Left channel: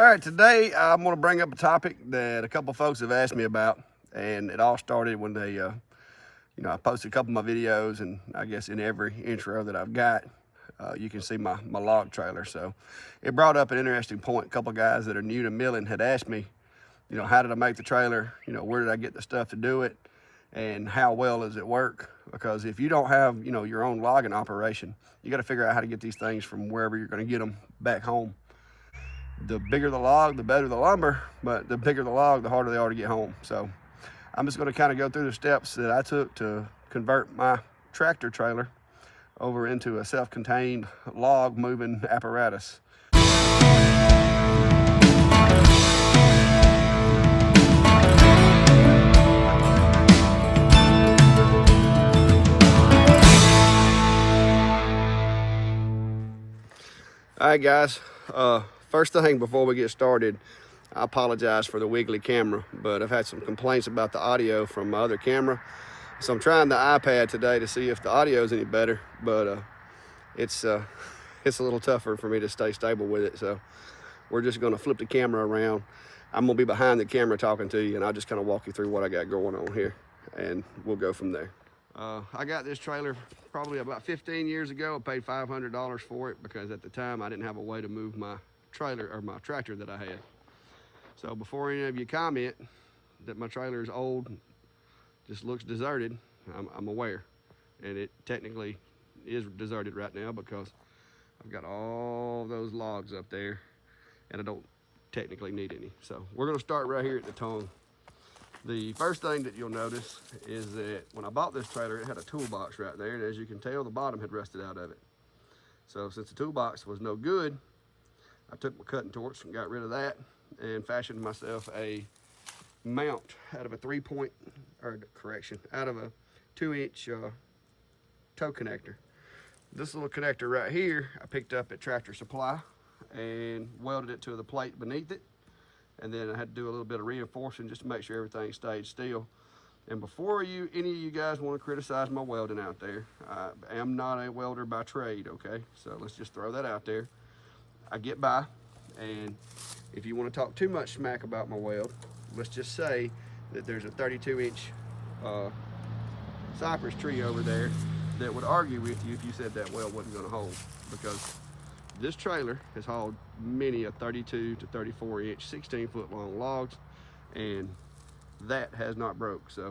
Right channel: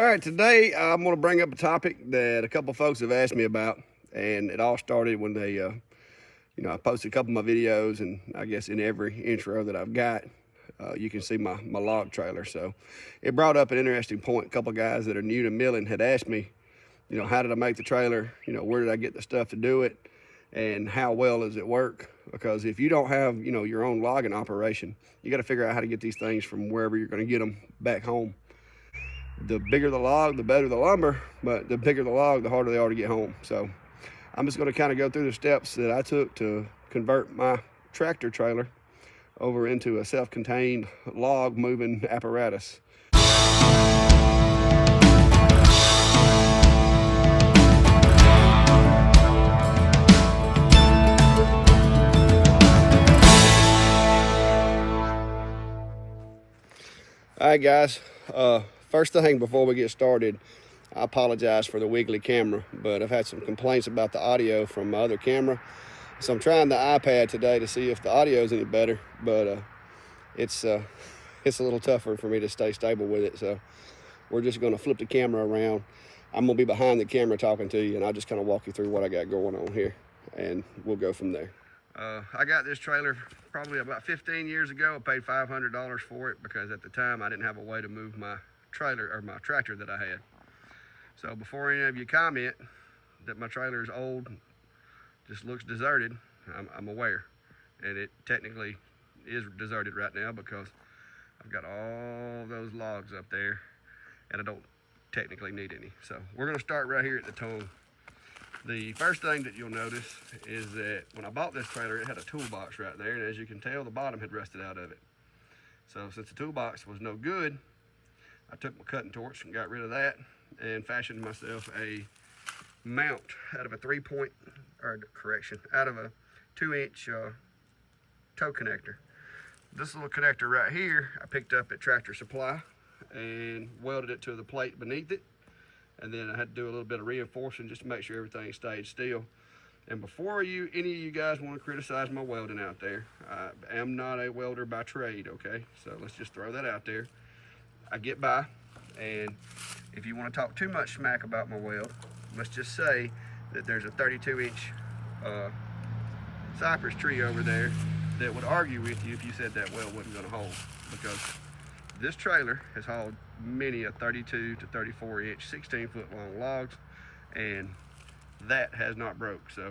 All right, today I'm going to bring up a topic that a couple folks have asked me about, and it all started when I posted a couple of my videos, and I guess in every intro that I've got, you can see my log trailer. So it brought up an interesting point. A couple of guys that are new to milling had asked me, how did I make the trailer? Where did I get the stuff to do it? And how well does it work? Because if you don't have, your own logging operation, you got to figure out how to get these things from wherever you're going to get them back home. The bigger the log, the better the lumber, but the bigger the log, the harder they are to get home. So I'm just going to kind of go through the steps that I took to convert my tractor trailer over into a self-contained log moving apparatus. All right, guys. First thing before we get started, I apologize for the wiggly camera, but I've had some complaints about the audio from my other camera. So I'm trying the iPad today to see if the audio is any better, but it's a little tougher for me to stay stable with it. So we're just going to flip the camera around. I'm going to be behind the camera talking to you, and I'll just kind of walk you through what I got going on here, and we'll go from there. I got this trailer probably about 15 years ago. I paid $500 for it because at the time I didn't have a way to move my trailer or my tractor that I had. So before any of you comment that my trailer is old, just looks deserted, I'm aware. And it technically is deserted right now because I've got all those logs up there and I don't technically need any. So we're gonna start right here at the tongue. The first thing that you'll notice is that when I bought this trailer, it had a toolbox right there, and as you can tell, the bottom had rusted out of it. So since the toolbox was no good, I took my cutting torch and got rid of that and fashioned myself a mount out of a 2-inch toe connector. This little connector right here, I picked up at Tractor Supply and welded it to the plate beneath it. And then I had to do a little bit of reinforcing just to make sure everything stayed still. And before any of you guys want to criticize my welding out there, I am not a welder by trade, okay? So let's just throw that out there. I get by, and if you want to talk too much smack about my weld, let's just say that there's a 32-inch cypress tree over there that would argue with you if you said that weld wasn't going to hold, because this trailer has hauled many a 32 to 34-inch, 16-foot long logs, and that has not broke. So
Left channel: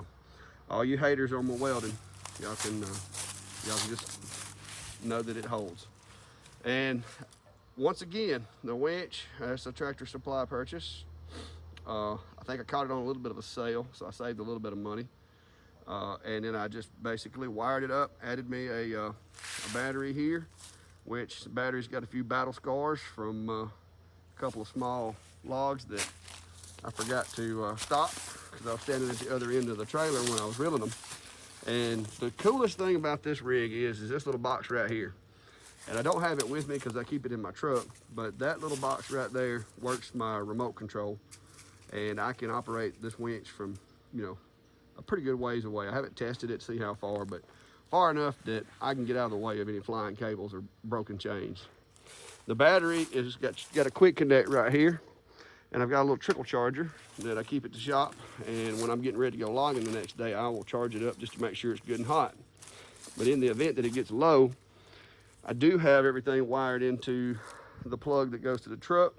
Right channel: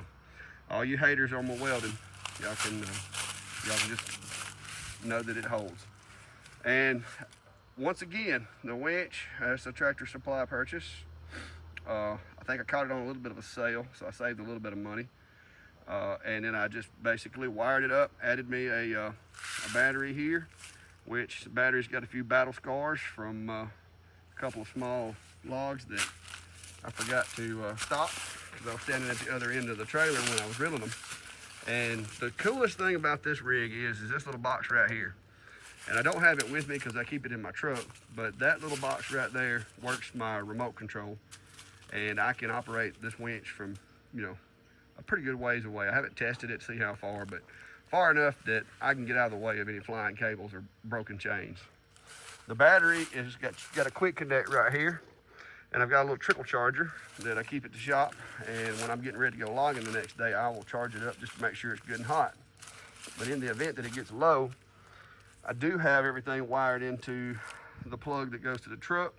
all you haters on my welding, y'all can just know that it holds. And once again, the winch, that's a Tractor Supply purchase. I think I caught it on a little bit of a sale, so I saved a little bit of money. And then I just basically wired it up, added me a battery here, which the battery's got a few battle scars from a couple of small logs that I forgot to stop because I was standing at the other end of the trailer when I was reeling them. And the coolest thing about this rig is this little box right here. And I don't have it with me because I keep it in my truck, but that little box right there works my remote control, and I can operate this winch from, a pretty good ways away. I haven't tested it to see how far, but far enough that I can get out of the way of any flying cables or broken chains. The battery is got a quick connect right here, and I've got a little trickle charger that I keep at the shop, and when I'm getting ready to go logging the next day, I will charge it up just to make sure it's good and hot. But in the event that it gets low, I do have everything wired into the plug that goes to the truck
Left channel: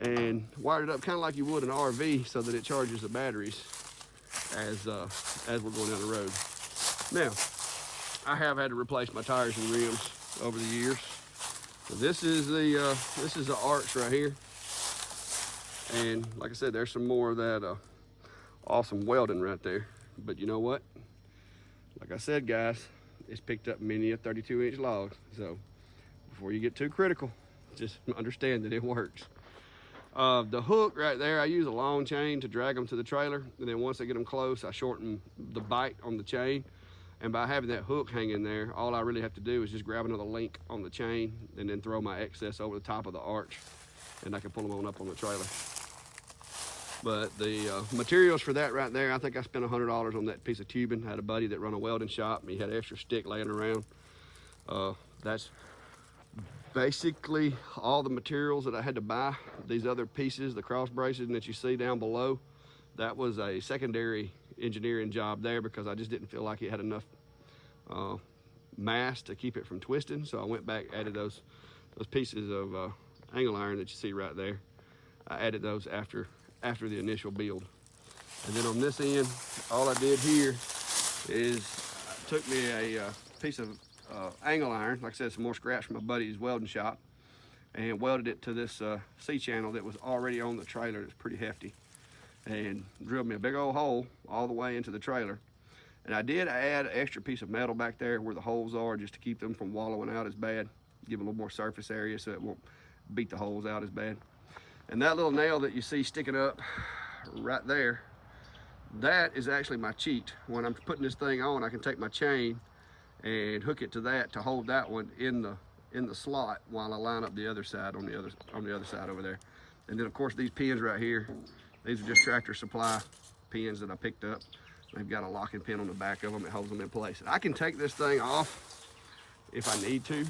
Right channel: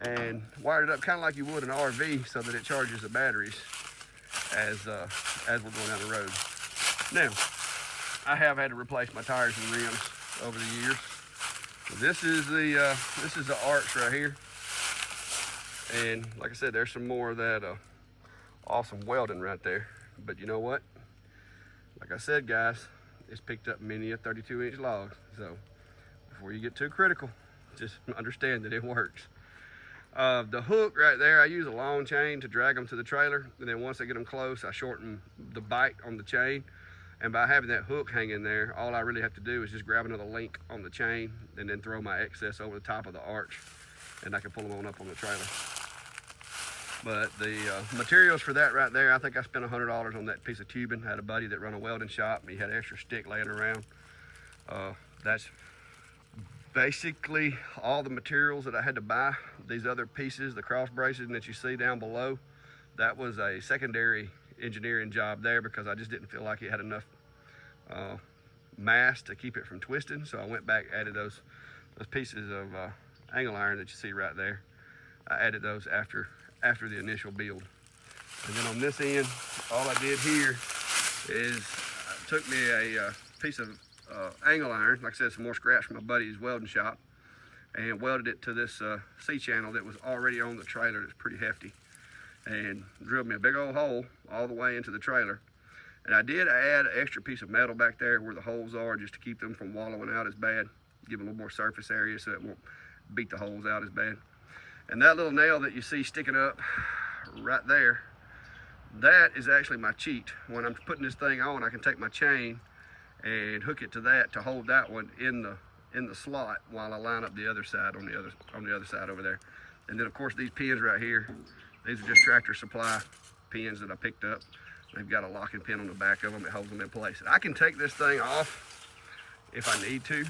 and wired it up kind of like you would an RV so that it charges the batteries as we're going down the road. Now, I have had to replace my tires and rims over the years. This is the arch right here, and like I said, there's some more of that awesome welding right there. But you know what? Like I said, guys, it's picked up many a 32-inch log. So before you get too critical, just understand that it works. The hook right there, I use a long chain to drag them to the trailer, and then once I get them close, I shorten the bite on the chain. And by having that hook hanging there, all I really have to do is just grab another link on the chain and then throw my excess over the top of the arch, and I can pull them on up on the trailer. But the materials for that right there, I think I spent $100 on that piece of tubing. I had a buddy that run a welding shop, and he had extra stick laying around. That's Basically, all the materials that I had to buy, these other pieces, the cross bracing that you see down below, that was a secondary engineering job there because I just didn't feel like it had enough mass to keep it from twisting. So I went back, added those pieces of angle iron that you see right there. I added those after the initial build. And then on this end, all I did here is I took me a piece of angle iron, like I said, some more scraps from my buddy's welding shop, and welded it to this C-channel that was already on the trailer. That's pretty hefty, and drilled me a big old hole all the way into the trailer. And I did add an extra piece of metal back there where the holes are, just to keep them from wallowing out as bad, give a little more surface area so it won't beat the holes out as bad. And that little nail that you see sticking up right there, that is actually my cheat. When I'm putting this thing on, I can take my chain and hook it to that to hold that one in the slot while I line up the other side on the other side over there. And then of course these pins right here, these are just Tractor Supply pins that I picked up. They've got a locking pin on the back of them that holds them in place. And I can take this thing off if I need to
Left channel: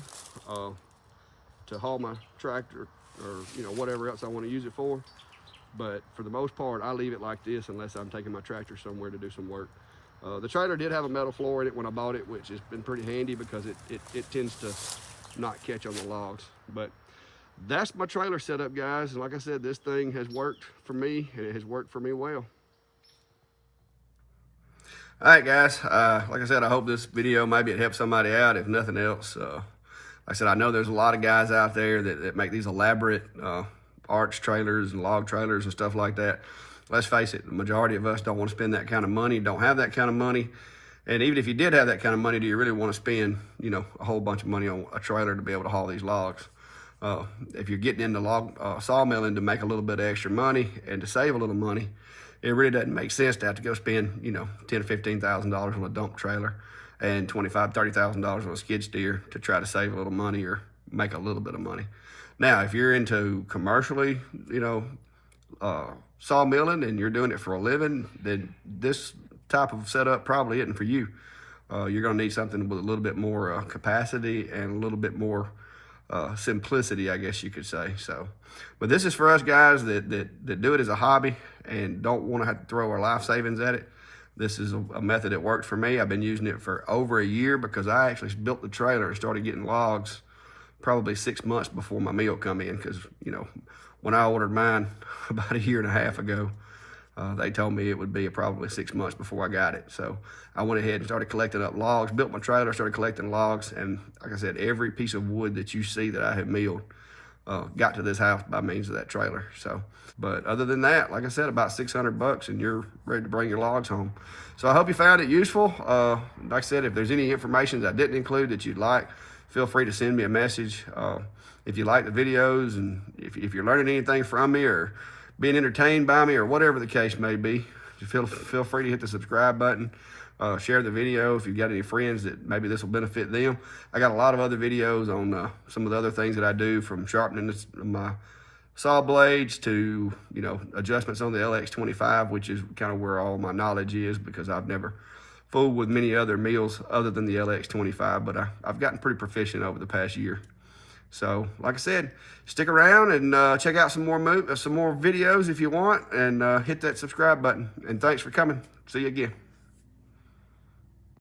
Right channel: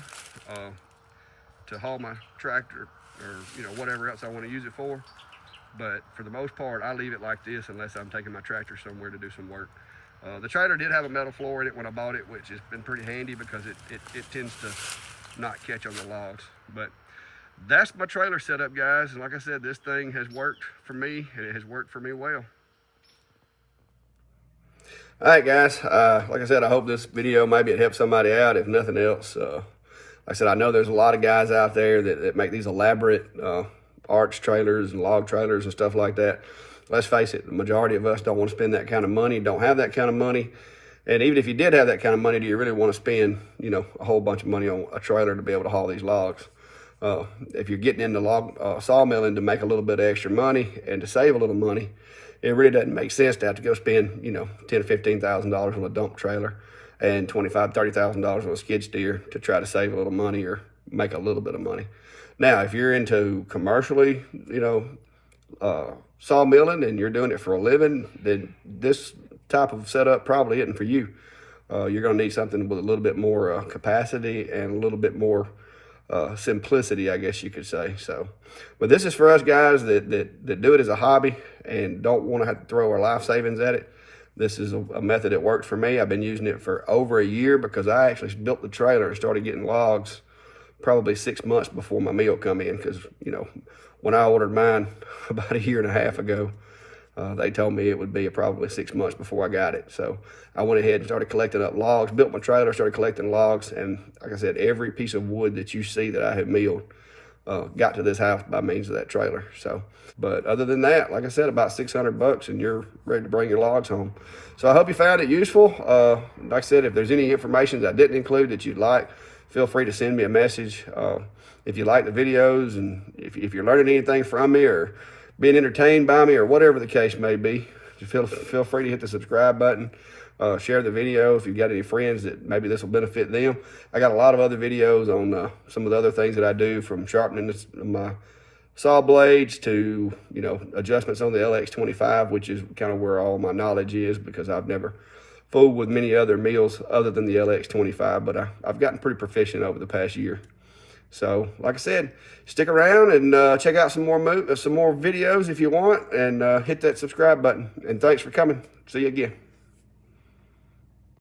haul my tractor or whatever else I want to use it for. But for the most part, I leave it like this unless I'm taking my tractor somewhere to do some work. The trailer did have a metal floor in it when I bought it, which has been pretty handy because it tends to not catch on the logs. But that's my trailer setup, guys. And like I said, this thing has worked for me, and it has worked for me well. All right, guys. Like I said, I hope this video maybe it helps somebody out, if nothing else. Like I said, I know there's a lot of guys out there that make these elaborate arch trailers and log trailers and stuff like that. Let's face it, the majority of us don't want to spend that kind of money, don't have that kind of money. And even if you did have that kind of money, do you really want to spend, a whole bunch of money on a trailer to be able to haul these logs? If you're getting into log sawmilling to make a little bit of extra money and to save a little money, it really doesn't make sense to have to go spend, $10,000 to $15,000 on a dump trailer and $25,000 to $30,000 on a skid steer to try to save a little money or make a little bit of money. Now, if you're into commercially, sawmilling and you're doing it for a living, then this type of setup probably isn't for you. You're going to need something with a little bit more capacity and a little bit more simplicity, I guess you could say. So, but this is for us guys that do it as a hobby and don't want to have to throw our life savings at it. This is a method that works for me. I've been using it for over a year because I actually built the trailer and started getting logs probably 6 months before my meal come in. Because, when I ordered mine about a year and a half ago, they told me it would be probably 6 months before I got it. So I went ahead and started collecting up logs, built my trailer, started collecting logs. And like I said, every piece of wood that you see that I have milled got to this house by means of that trailer. So, but other than that, like I said, about $600 and you're ready to bring your logs home. So I hope you found it useful. Like I said, if there's any information that I didn't include that you'd like, feel free to send me a message. If you like the videos and if you're learning anything from me or being entertained by me or whatever the case may be, feel free to hit the subscribe button. Share the video if you've got any friends that maybe this will benefit them. I got a lot of other videos on some of the other things that I do, from sharpening my saw blades to, adjustments on the LX25, which is kind of where all my knowledge is because I've never fooled with many other mills other than the LX25, but I've gotten pretty proficient over the past year. So, like I said, stick around and check out some more videos if you want, and hit that subscribe button. And thanks for coming. See you again.